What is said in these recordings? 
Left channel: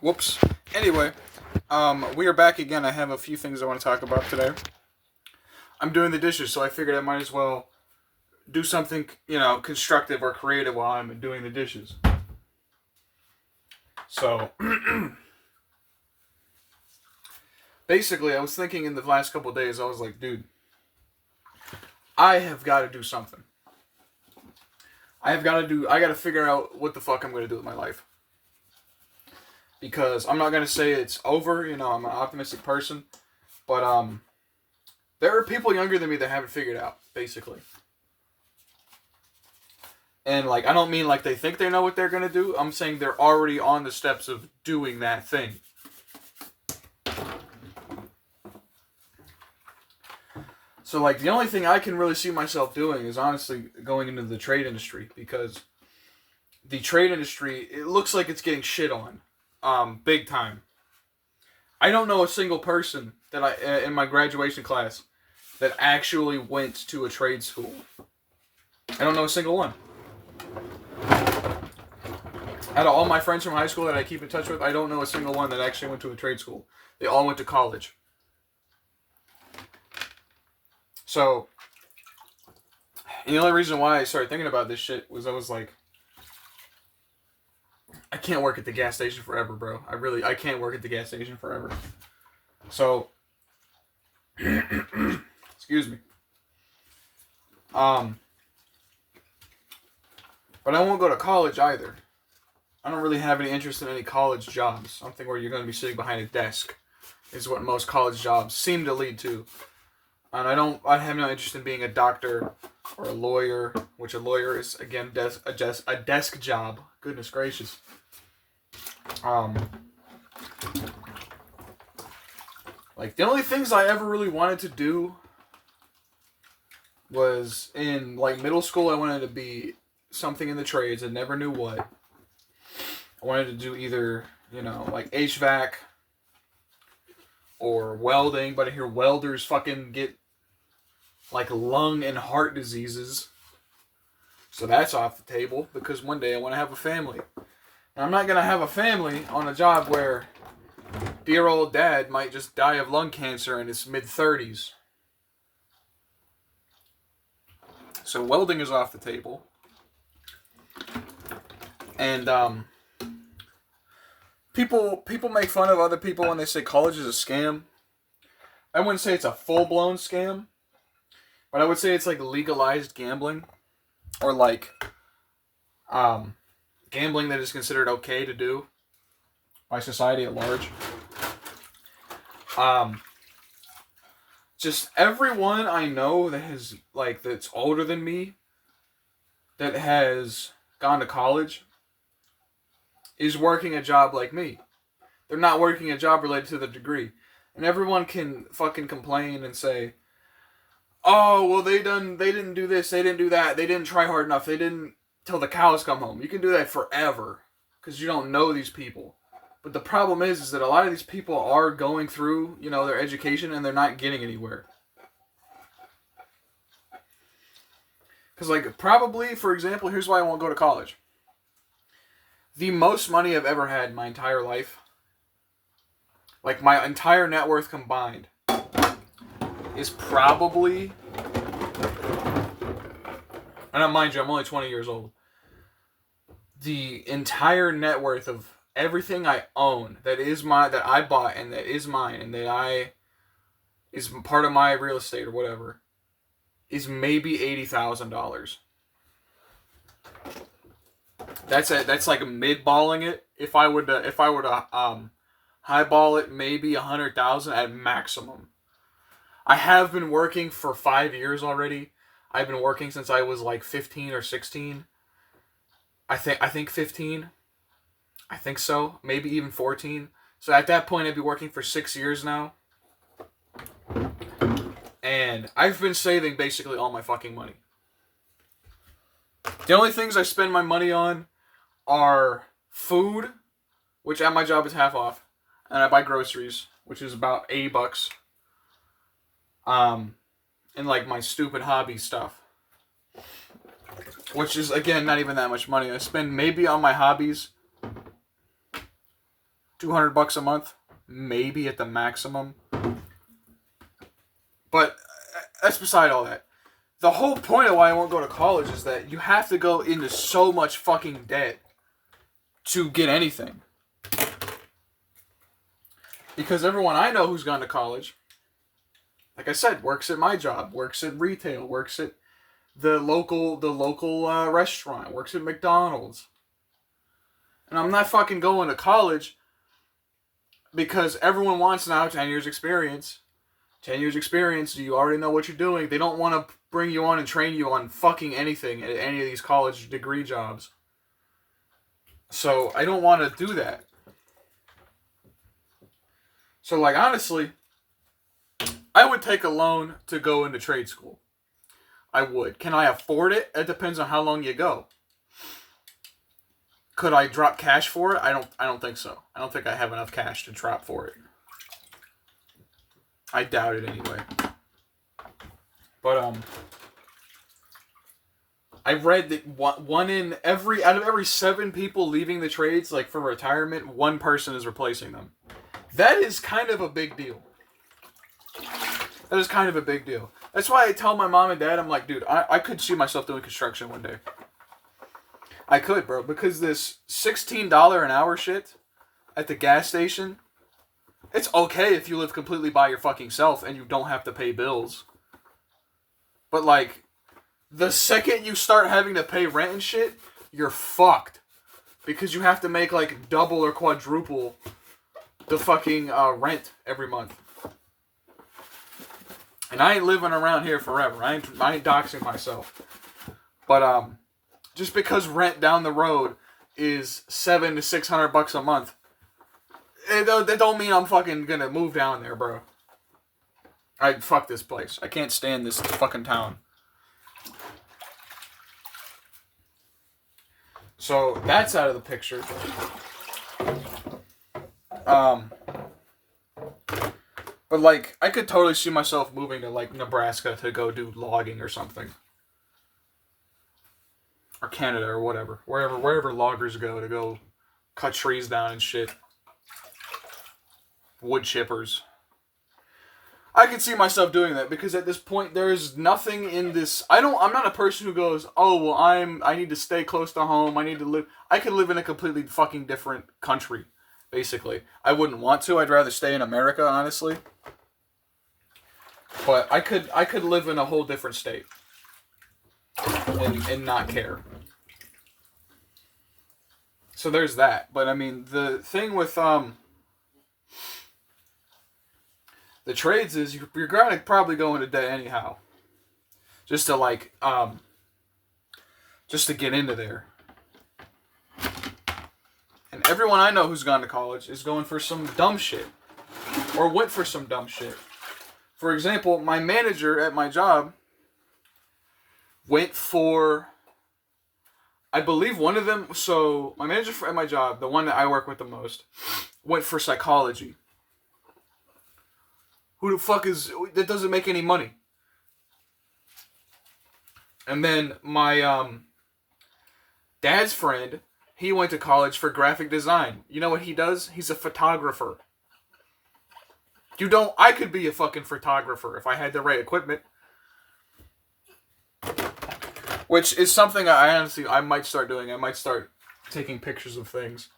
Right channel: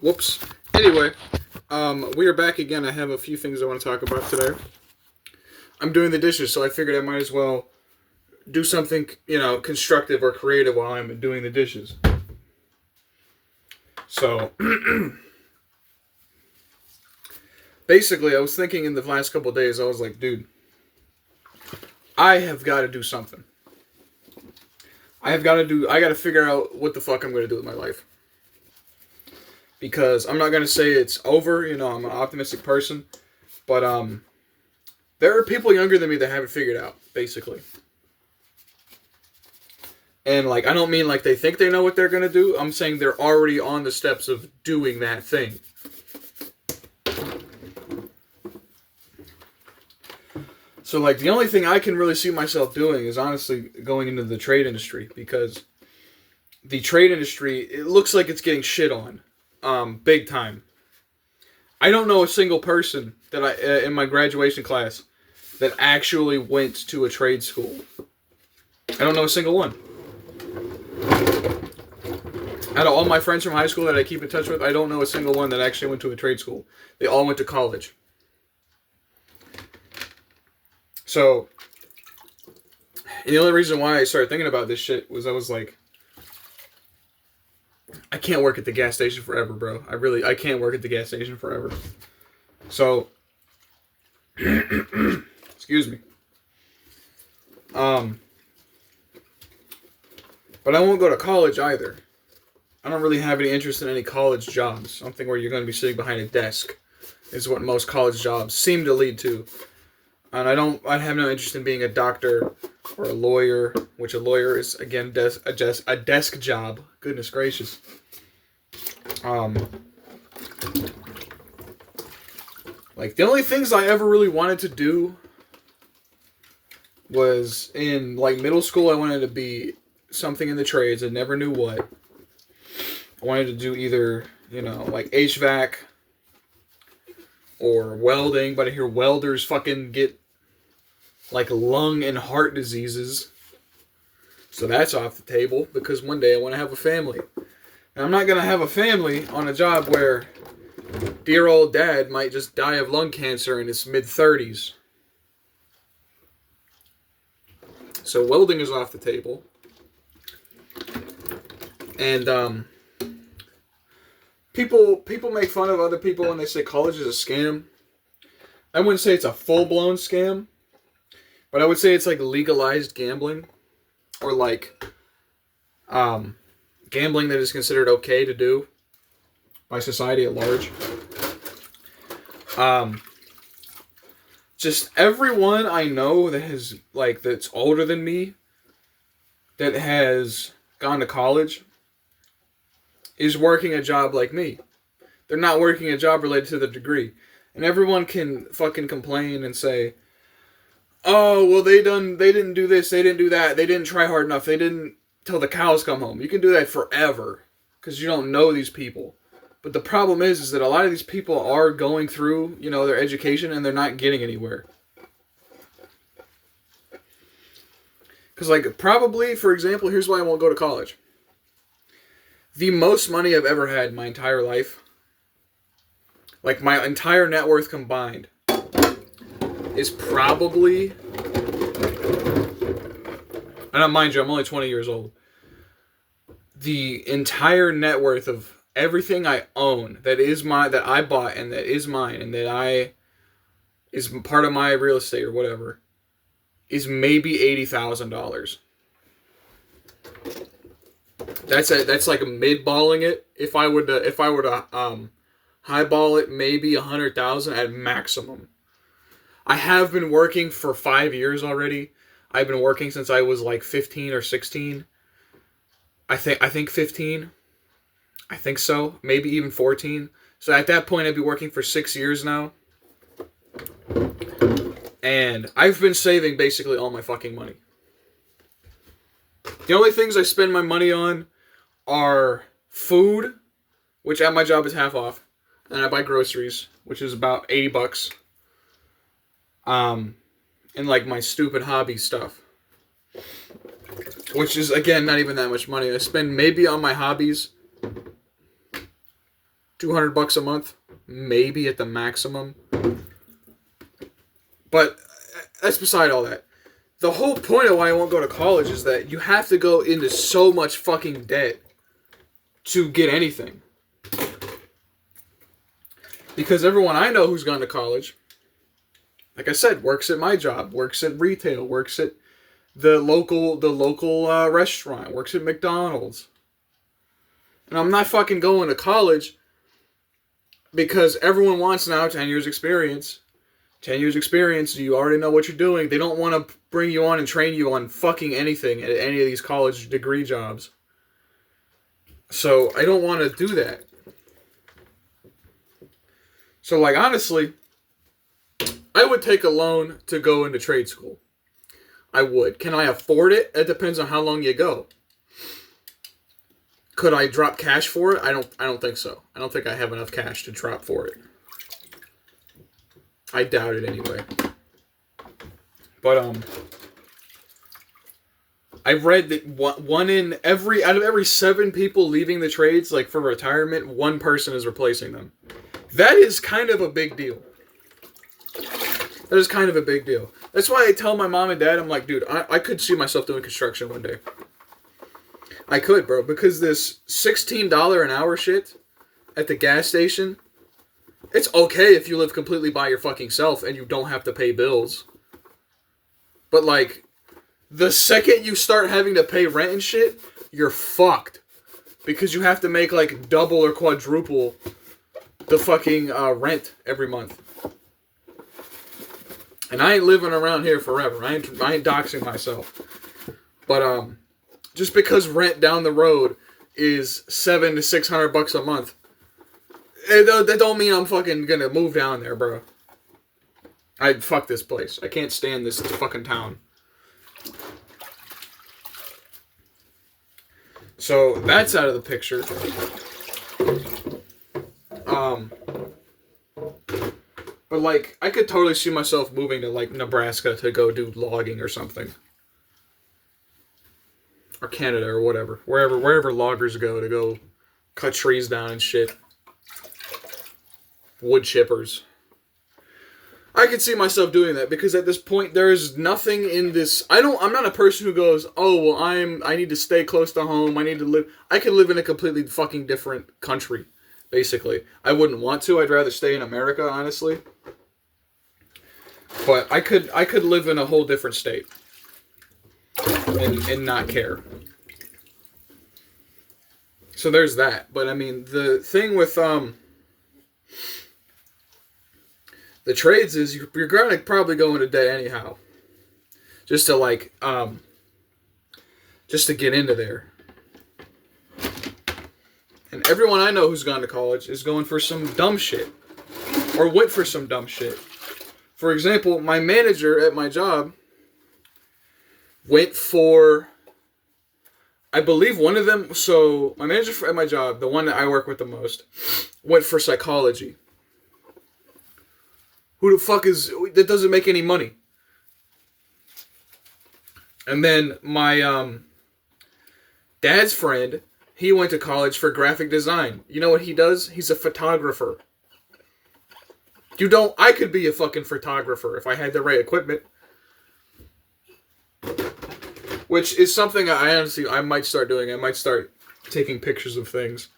Whoops. Anyway, we are back again. I have a few things I want to talk about today. I'm doing the dishes, so I figured I might as well do something, constructive or creative while I'm doing the dishes. So, basically, I was thinking in the last couple of days, I was like, dude, I have got to do something. I got to figure out what the fuck I'm going to do with my life. Because I'm not going to say it's over, I'm an optimistic person, but, there are people younger than me that haven't figured out, basically. And, I don't mean like they think they know what they're going to do. I'm saying they're already on the steps of doing that thing. So, the only thing I can really see myself doing is honestly going into the trade industry. Because the trade industry, it looks like it's getting shit on. Big time. I don't know a single person that in my graduation class that actually went to a trade school. I don't know a single one. Out of all my friends from high school that I keep in touch with, I don't know a single one that actually went to a trade school. They all went to college. So, and the only reason why I started thinking about this shit was I was like, I can't work at the gas station forever, bro. I can't work at the gas station forever. So, excuse me. But I won't go to college either. I don't really have any interest in any college jobs. Something where you're going to be sitting behind a desk is what most college jobs seem to lead to. And I have no interest in being a doctor or a lawyer, which a lawyer is, again, a desk job. Goodness gracious. The only things I ever really wanted to do was in, middle school, I wanted to be something in the trades. I never knew what. I wanted to do either, HVAC or welding, but I hear welders fucking get, lung and heart diseases. So that's off the table, because one day I want to have a family. And I'm not going to have a family on a job where dear old dad might just die of lung cancer in his mid-30s. So welding is off the table. And, People make fun of other people when they say college is a scam. I wouldn't say it's a full-blown scam, but I would say it's legalized gambling, or gambling that is considered okay to do by society at large. Just everyone I know that has that's older than me, that has gone to college, is working a job like me. They're not working a job related to the degree. And everyone can fucking complain and say, oh, well, they didn't do this, they didn't do that, they didn't try hard enough, they didn't till the cows come home. You can do that forever, because you don't know these people. But the problem is that a lot of these people are going through, their education, and they're not getting anywhere. Because, probably, for example, here's why I won't go to college. The most money I've ever had in my entire life, my entire net worth combined, is probably, and mind you, I'm only 20 years old. The entire net worth of everything I own that I bought and that is mine and that is part of my real estate or whatever, is maybe $80,000. That's mid-balling it. If I were to highball it, maybe 100,000 at maximum. I have been working for 5 years already. I've been working since I was 15 or 16. I think 15. I think so. Maybe even 14. So at that point, I'd be working for 6 years now. And I've been saving basically all my fucking money. The only things I spend my money on are food, which at my job is half off. And I buy groceries, which is about $80. And my stupid hobby stuff, which is, again, not even that much money. I spend maybe on my hobbies $200 a month, maybe at the maximum. But that's beside all that. The whole point of why I won't go to college is that you have to go into so much fucking debt to get anything. Because everyone I know who's gone to college, like I said, works at my job, works at retail, works at the local restaurant, works at McDonald's. And I'm not fucking going to college because everyone wants now 10 years experience. 10 years experience, you already know what you're doing. They don't want to bring you on and train you on fucking anything at any of these college degree jobs. So I don't want to do that. So, like, honestly, I would take a loan to go into trade school. I would. Can I afford it? It depends on how long you go. Could I drop cash for it? I don't think so. I don't think I have enough cash to drop for it. I doubt it anyway. But I read that out of every 7 people leaving the trades, like for retirement, 1 person is replacing them. That is kind of a big deal. That is kind of a big deal. That's why I tell my mom and dad, I'm like, dude, I could see myself doing construction one day. I could, bro, because this $16 an hour shit at the gas station, it's okay if you live completely by your fucking self and you don't have to pay bills. But, like, the second you start having to pay rent and shit, you're fucked. Because you have to make, like, double or quadruple the fucking rent every month. And I ain't living around here forever. I ain't doxing myself. But, just because rent down the road is $700 to $600 a month, that don't mean I'm fucking gonna move down there, bro. Fuck this place. I can't stand this fucking town. So that's out of the picture. But like, I could totally see myself moving to like Nebraska to go do logging or something. Or Canada or whatever. Wherever loggers go to go cut trees down and shit. Wood chippers. I could see myself doing that because at this point there's nothing in this. I'm not a person who goes, oh well, I need to stay close to home. I could live in a completely fucking different country, basically. I wouldn't want to. I'd rather stay in America, honestly. But I could live in a whole different state and not care. So there's that. But I mean, the thing with the trades is you're gonna probably go into debt anyhow. Just to like just to get into there. And everyone I know who's gone to college is going for some dumb shit. Or went for some dumb shit. For example, my manager at my job went for, I believe one of them, so my manager at my job, the one that I work with the most, went for psychology. Who the fuck that doesn't make any money? And then my dad's friend, he went to college for graphic design. You know what he does? He's a photographer. I could be a fucking photographer if I had the right equipment. Which is something I might start doing. I might start taking pictures of things.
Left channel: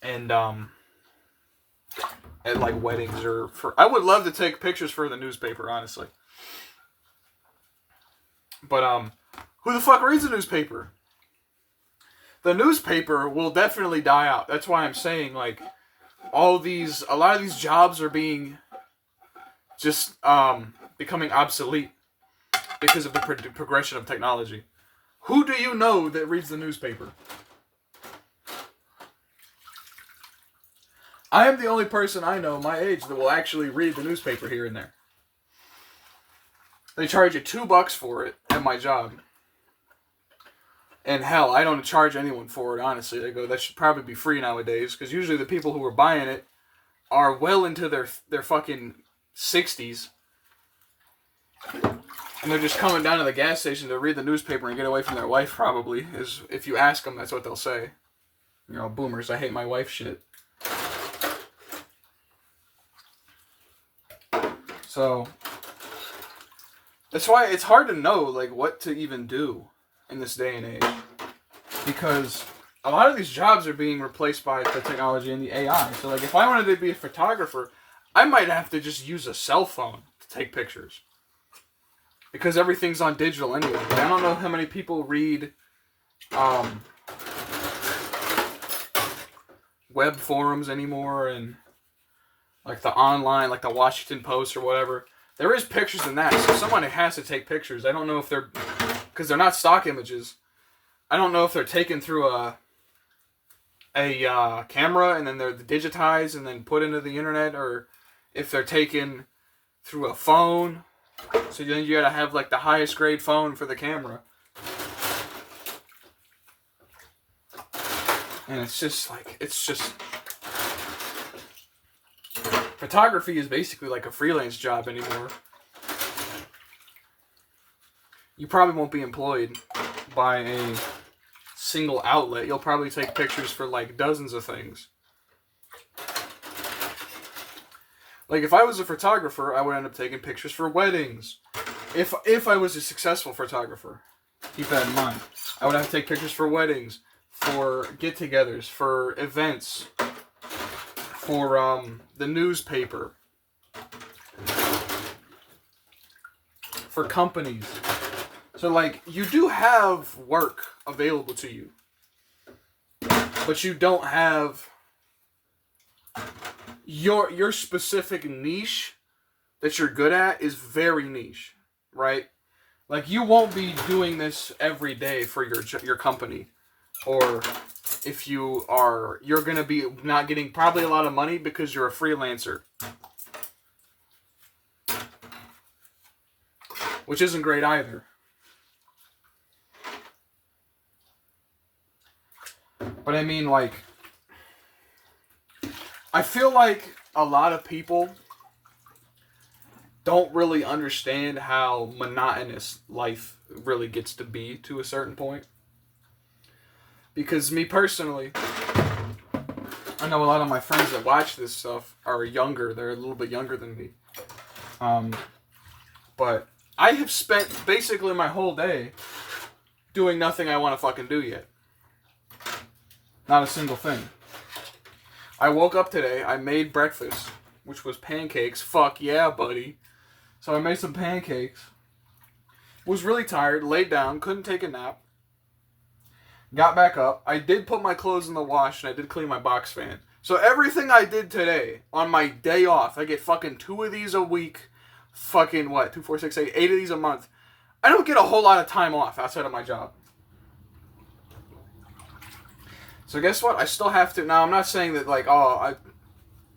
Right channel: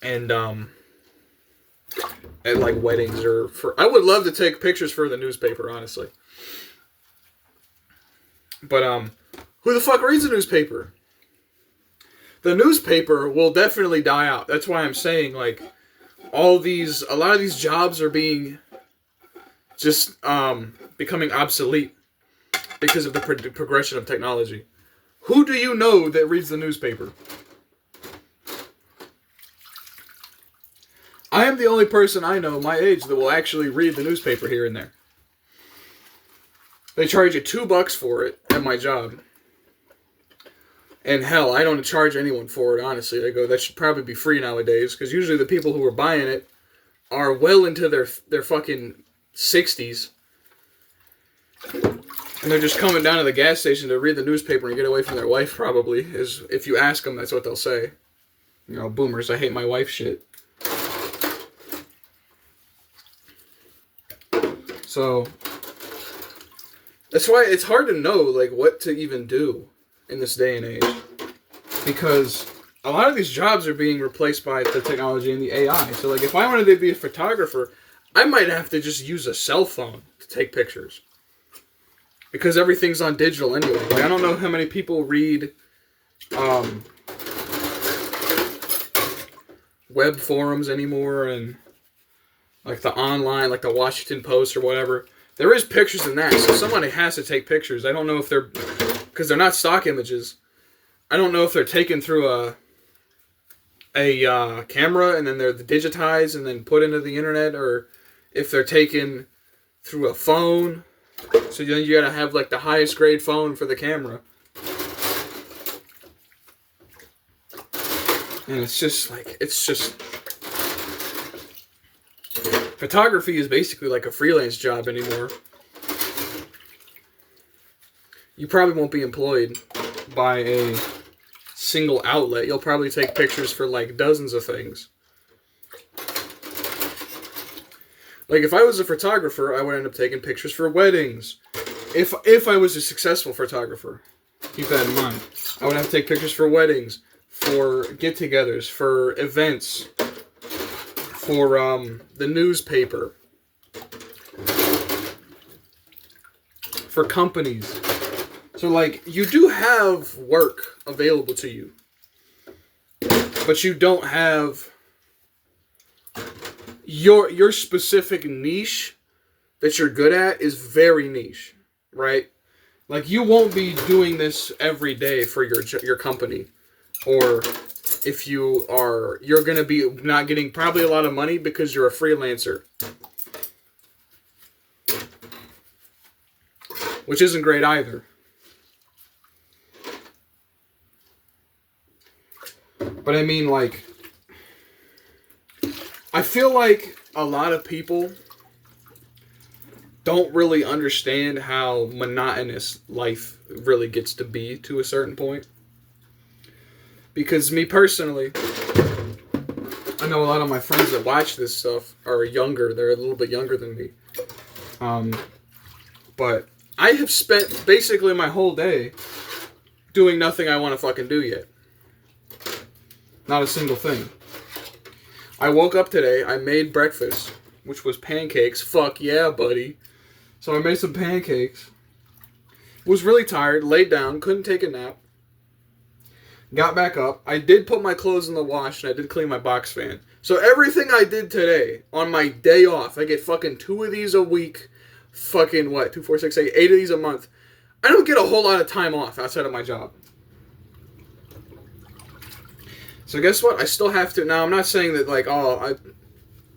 And, at like weddings I would love to take pictures for the newspaper, honestly. But, who the fuck reads a newspaper? The newspaper will definitely die out. That's why I'm saying, like, a lot of these jobs are being just, becoming obsolete because of the progression of technology. Who do you know that reads the newspaper? I am the only person I know my age that will actually read the newspaper here and there. They charge you $2 for it at my job. And hell, I don't charge anyone for it, honestly. They go, that should probably be free nowadays. Because usually the people who are buying it are well into their fucking 60s. And they're just coming down to the gas station to read the newspaper and get away from their wife, probably. If you ask them, that's what they'll say. You know, boomers, I hate my wife shit. So, that's why it's hard to know, like, what to even do in this day and age. Because a lot of these jobs are being replaced by the technology and the AI. So, like, if I wanted to be a photographer, I might have to just use a cell phone to take pictures. Because everything's on digital anyway. Like, I don't know how many people read web forums anymore and like the online, like the Washington Post or whatever. There is pictures in that, so somebody has to take pictures. I don't know if they're, because they're not stock images. I don't know if they're taken through a camera and then they're digitized and then put into the internet, or if they're taken through a phone. So then you gotta have like the highest grade phone for the camera. And it's just photography is basically like a freelance job anymore. You probably won't be employed by a single outlet. You'll probably take pictures for like dozens of things. Like if I was a photographer, I would end up taking pictures for weddings. If I was a successful photographer, keep that in mind. I would have to take pictures for weddings, for get-togethers, for events, for the newspaper, for companies. So like you do have work available to you, but you don't have your specific niche that you're good at is very niche, right? Like you won't be doing this every day for your company, or if you are, you're gonna be not getting probably a lot of money because you're a freelancer, which isn't great either. But I mean, like, I feel like a lot of people don't really understand how monotonous life really gets to be to a certain point. Because me personally, I know a lot of my friends that watch this stuff are younger. They're a little bit younger than me. But I have spent basically my whole day doing nothing I want to fucking do yet. Not a single thing. I woke up today, I made breakfast, which was pancakes. Fuck yeah, buddy. So I made some pancakes. Was really tired, laid down, couldn't take a nap. Got back up. I did put my clothes in the wash and I did clean my box fan. So everything I did today, on my day off, I get fucking 2 of these a week. Fucking what? 2, 4, 6, 8, 8 of these a month. I don't get a whole lot of time off outside of my job. So guess what? I still have to. Now I'm not saying that like,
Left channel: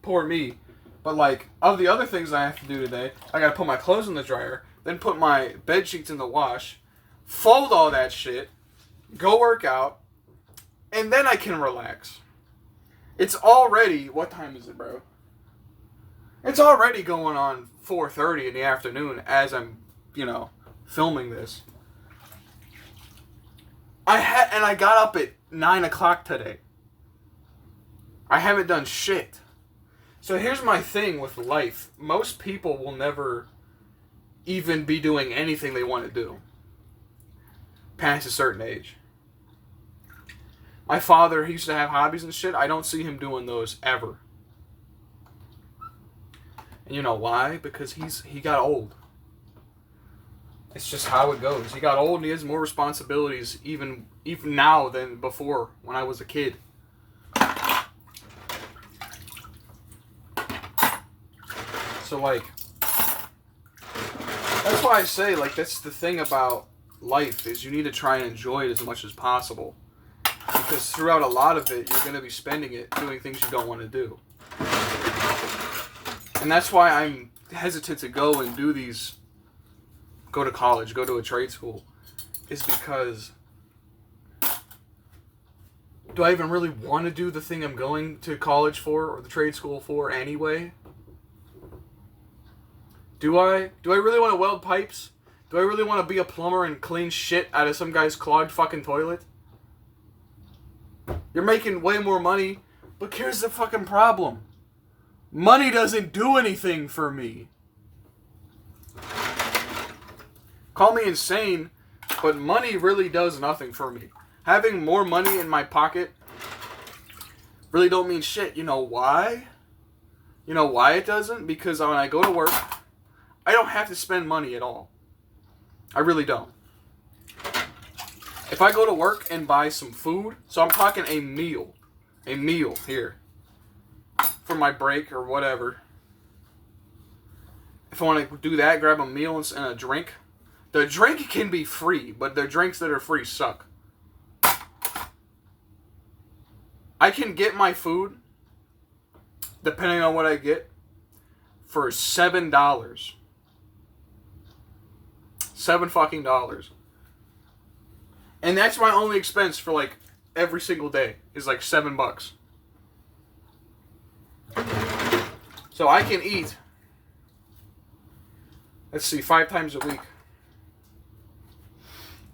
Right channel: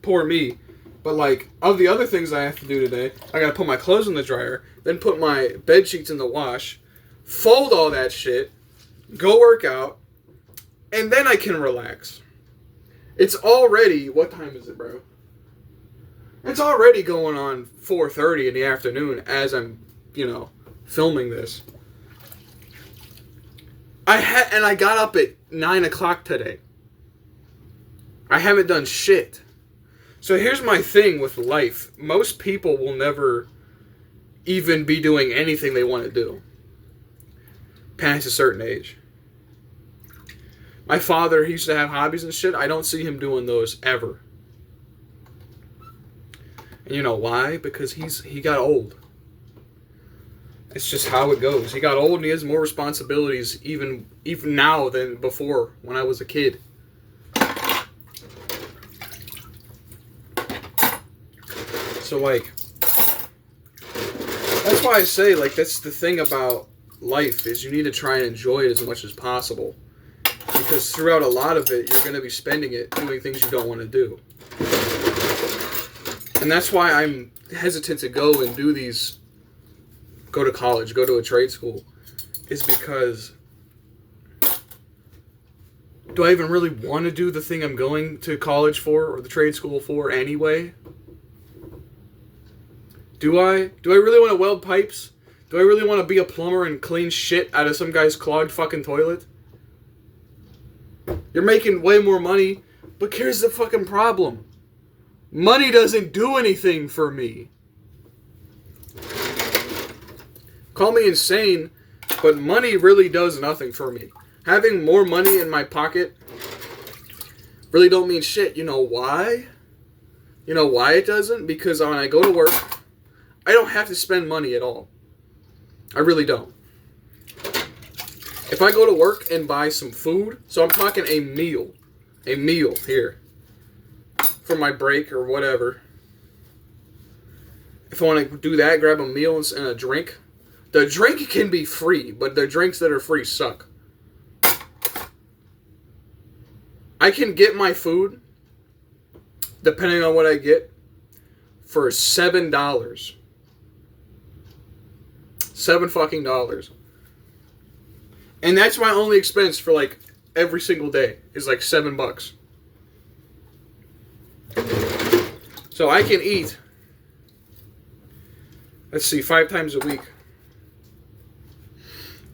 poor me, but like of the other things I have to do today, I gotta put my clothes in the dryer, then put my bed sheets in the wash, fold all that shit, go work out, and then I can relax. It's already, what time is it, bro? It's already going on 4:30 in the afternoon as I'm, filming this. I got up at 9 o'clock today. I haven't done shit. So here's my thing with life. Most people will never even be doing anything they want to do past a certain age. My father, he used to have hobbies and shit. I don't see him doing those ever. And you know why? Because he got old. It's just how it goes. He got old and he has more responsibilities even now than before when I was a kid. So like, that's why I say like that's the thing about life is you need to try and enjoy it as much as possible. Because throughout a lot of it, you're going to be spending it doing things you don't want to do. And that's why I'm hesitant to go and do these, go to college, go to a trade school, is because do I even really want to do the thing I'm going to college for or the trade school for anyway? Do I really want to weld pipes? Do I really want to be a plumber and clean shit out of some guy's clogged fucking toilet? You're making way more money, but here's the fucking problem. Money doesn't do anything for me. Call me insane, but money really does nothing for me. Having more money in my pocket really don't mean shit. You know why? You know why it doesn't? Because when I go to work, I don't have to spend money at all. I really don't. If I go to work and buy some food, so I'm talking a meal here for my break or whatever. If I want to do that, grab a meal and a drink. The drink can be free, but the drinks that are free suck. I can get my food, depending on what I get, for $7. $7 fucking dollars. And that's my only expense for like every single day is like $7. So I can eat, let's see, 5 times a week.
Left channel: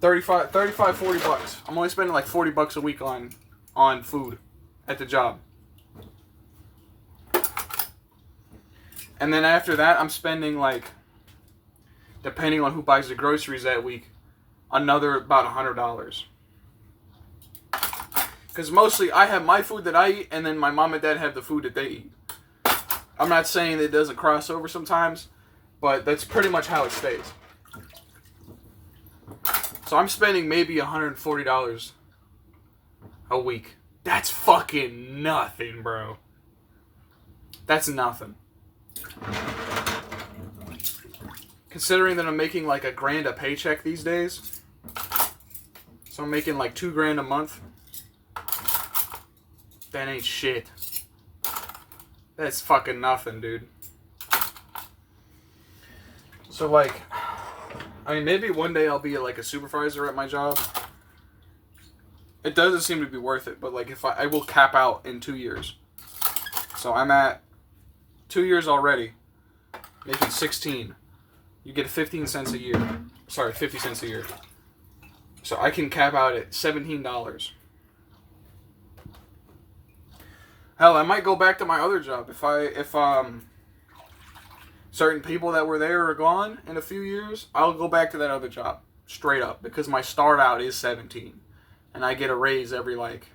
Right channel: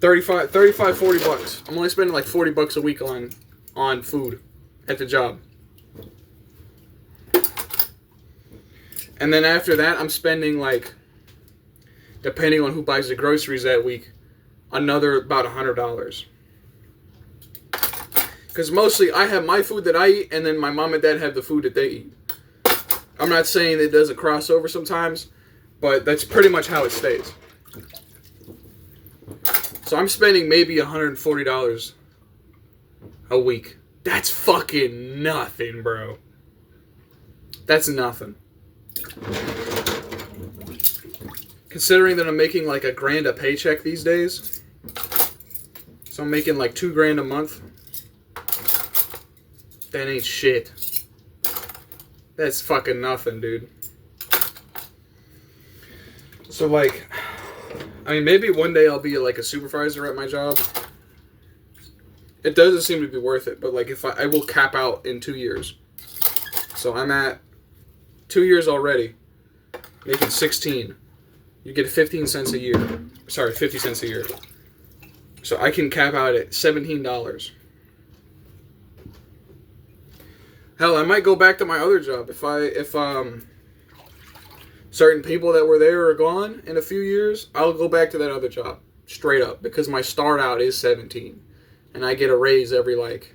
35, 40 bucks. I'm only spending like 40 bucks a week on food at the job. And then after that, I'm spending like, depending on who buys the groceries that week, another about $100. Because mostly I have my food that I eat, and then my mom and dad have the food that they eat. I'm not saying that it doesn't cross over sometimes, but that's pretty much how it stays. So I'm spending maybe $140 a week. That's fucking nothing, bro. That's nothing. Considering that I'm making like $1,000 a paycheck these days. So I'm making like $2,000 a month. That ain't shit. That's fucking nothing, dude. So like, I mean, maybe one day I'll be like a supervisor at my job. It doesn't seem to be worth it, but like if I will cap out in 2 years. So I'm at 2 years already, making 16. You get 15 cents a year. Sorry, 50 cents a year. So I can cap out at $17. Hell, I might go back to my other job if certain people that were there are gone in a few years. I'll go back to that other job straight up because my start out is 17, and I get a raise every like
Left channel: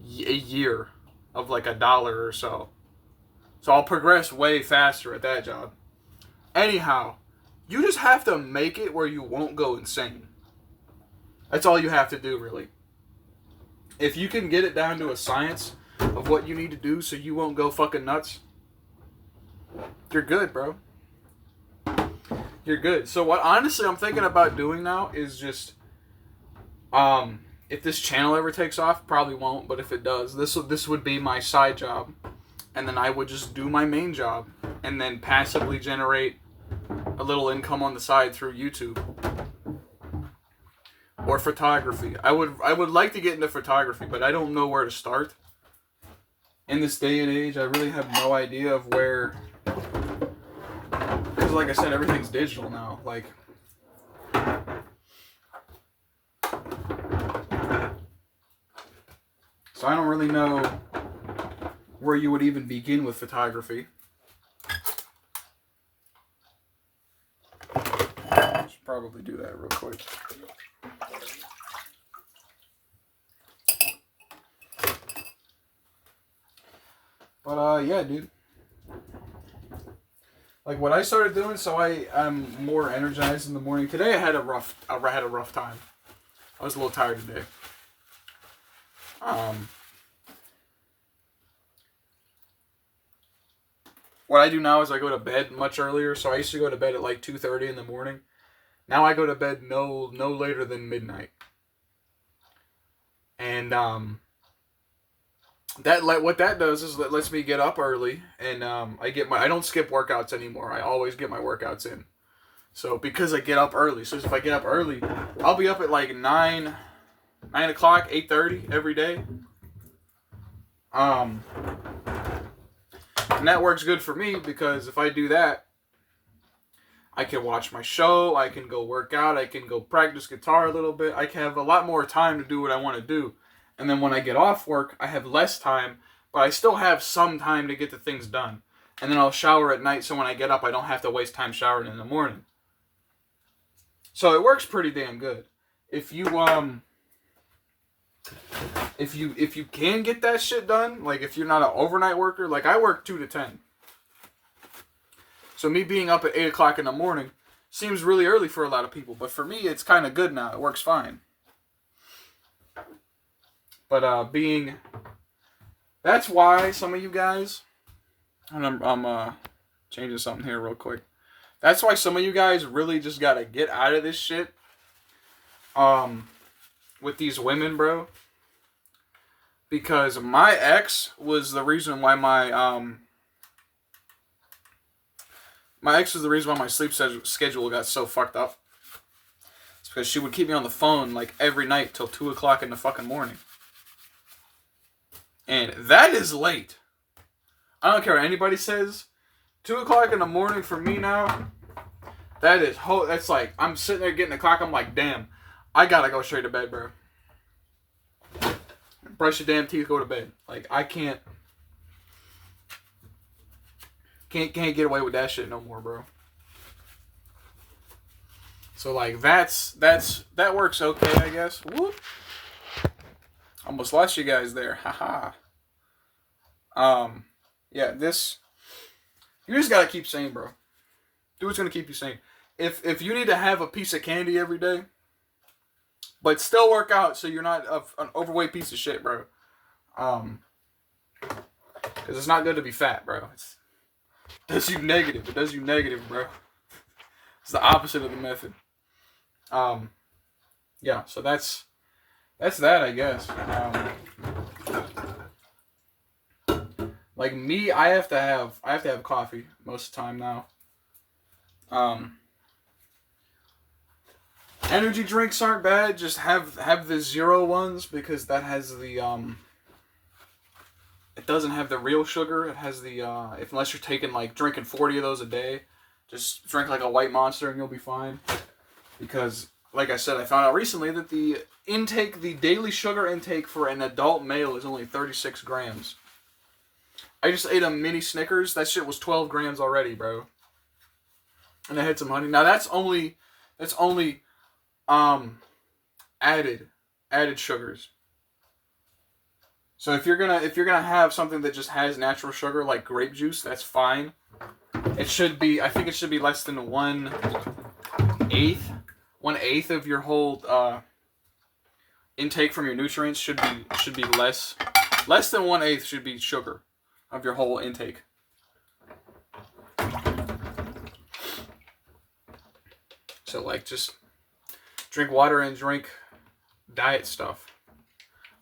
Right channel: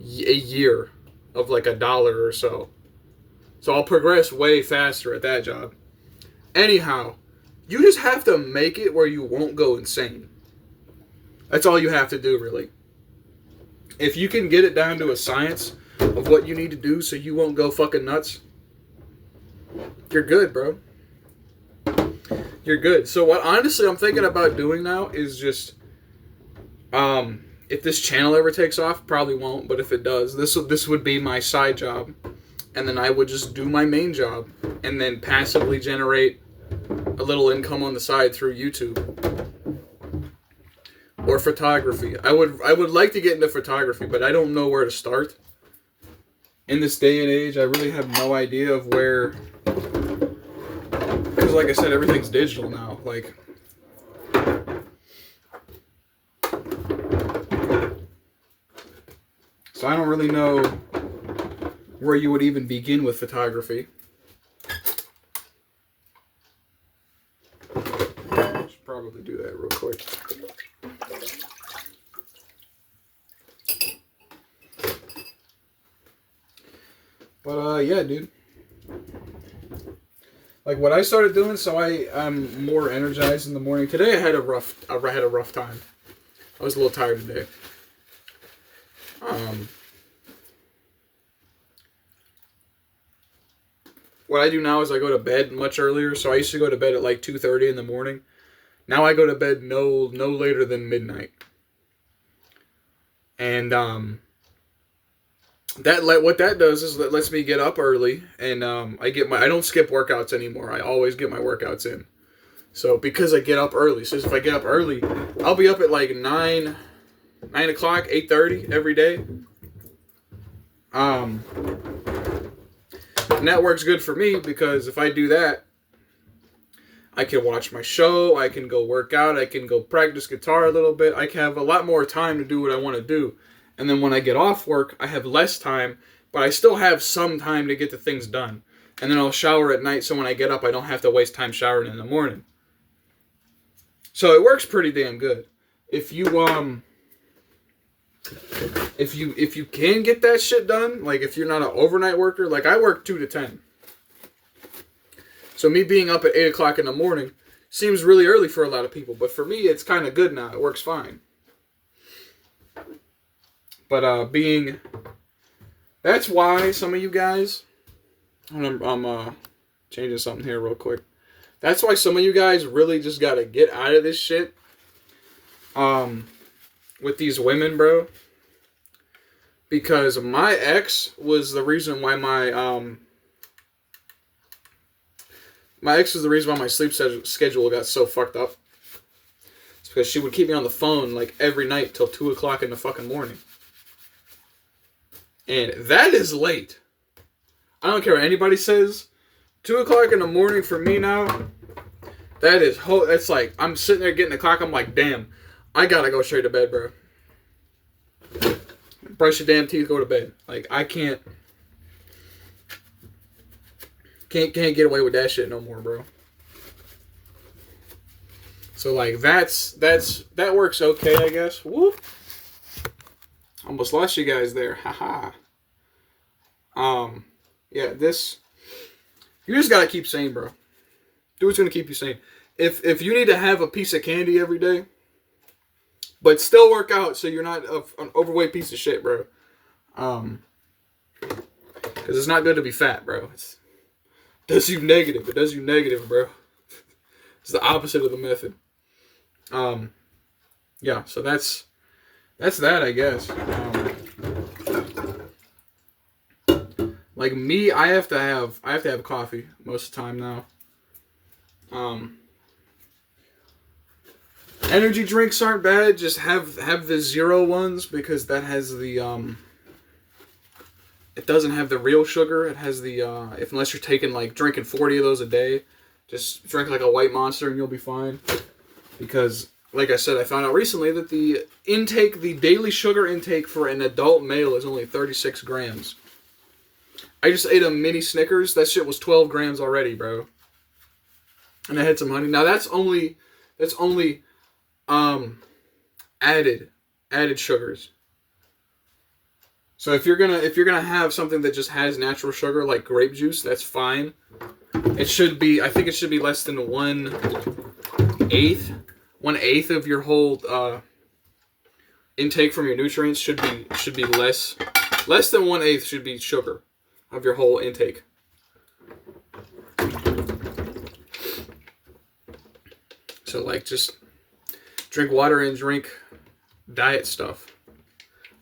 a year of like $1 or so. So I'll progress way faster at that job. Anyhow, you just have to make it where you won't go insane. That's all you have to do, really. If you can get it down to a science of what you need to do so you won't go fucking nuts, you're good, bro. You're good. So what honestly I'm thinking about doing now is just, if this channel ever takes off, probably won't, but if it does, this would be my side job. And then I would just do my main job and then passively generate a little income on the side through YouTube or photography. I would like to get into photography, but I don't know where to start. In this day and age, I really have no idea of where, because like I said, everything's digital now. Like, so I don't really know where you would even begin with photography. Should probably do that real quick. But yeah, dude. Like what I started doing, so I am more energized in the morning. Today I had a rough time. I was a little tired today. What I do now is I go to bed much earlier. So I used to go to bed at like 2:30 in the morning. Now I go to bed no later than midnight. And what that does is it lets me get up early, and I don't skip workouts anymore. I always get my workouts in. So because I get up early, so if I get up early, I'll be up at like 9 o'clock, 8:30 every day. And that works good for me because if I do that, I can watch my show, I can go work out, I can go practice guitar a little bit. I can have a lot more time to do what I want to do. And then when I get off work, I have less time, but I still have some time to get the things done. And then I'll shower at night, so when I get up, I don't have to waste time showering in the morning. So it works pretty damn good. If you can get that shit done, like if you're not an overnight worker, like I work 2 to 10. So me being up at 8 o'clock in the morning seems really early for a lot of people, but for me it's kind of good now. It works fine. But that's why some of you guys, and I'm changing something here real quick. That's why some of you guys really just gotta get out of this shit. With these women, bro. Because my ex was the reason why my ex was the reason why my sleep schedule got so fucked up. It's because she would keep me on the phone like every night till 2 o'clock in the fucking morning. And that is late. I don't care what anybody says. 2 o'clock in the morning for me now, that is, it's like, I'm sitting there getting the clock, I'm like, damn, I gotta go straight to bed, bro. Brush your damn teeth, go to bed. Like, I can't get away with that shit no more, bro. So, like, that works okay, I guess. Whoop. Almost lost you guys there. Haha. Yeah, this, you just gotta keep sane, bro. Do what's gonna keep you sane. If you need to have a piece of candy every day, but still work out so you're not an overweight piece of shit, bro. Because it's not good to be fat, bro. It does you negative. It does you negative, bro. It's the opposite of the method. Yeah, so that's that, I guess. Like me, I have to have coffee most of the time now. Energy drinks aren't bad. Just have the zero ones, because that has the it doesn't have the real sugar. It has the unless you're taking like drinking 40 of those a day, just drink like a white Monster and you'll be fine. Because like I said, I found out recently that the daily sugar intake for an adult male is only 36 grams. I just ate a mini Snickers. That shit was 12 grams already, bro. And I had some honey. Now that's only added sugars. So if you're gonna have something that just has natural sugar like grape juice, that's fine. I think it should be less than 1/8 of your whole intake from your nutrients should be less than 1/8 should be sugar of your whole intake. So like just drink water and drink diet stuff.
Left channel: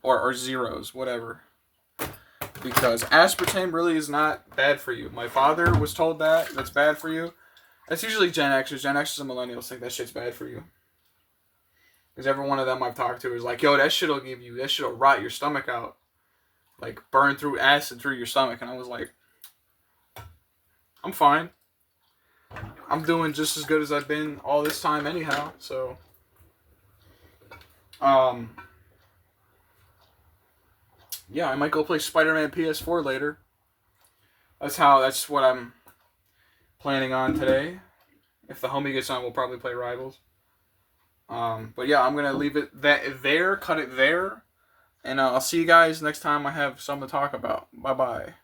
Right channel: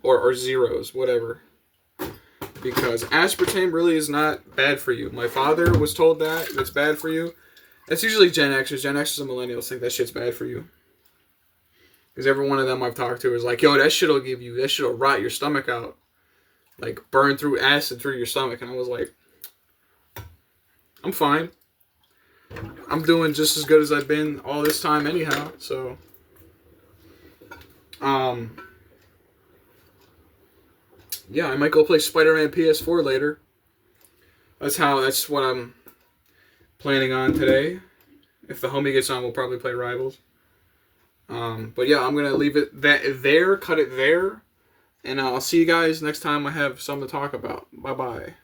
Or zeros, whatever. Because aspartame really is not bad for you. My father was told that's bad for you. That's usually Gen Xers. Gen Xers and millennials think that shit's bad for you. Because every one of them I've talked to is like, yo, that shit'll rot your stomach out. Like, burn through acid through your stomach. And I was like, I'm fine. I'm doing just as good as I've been all this time anyhow. So, yeah, I might go play Spider-Man PS4 later. That's what I'm planning on today. If the homie gets on, we'll probably play Rivals. But yeah, I'm gonna leave it there, cut it there, and I'll see you guys next time I have something to talk about. Bye bye.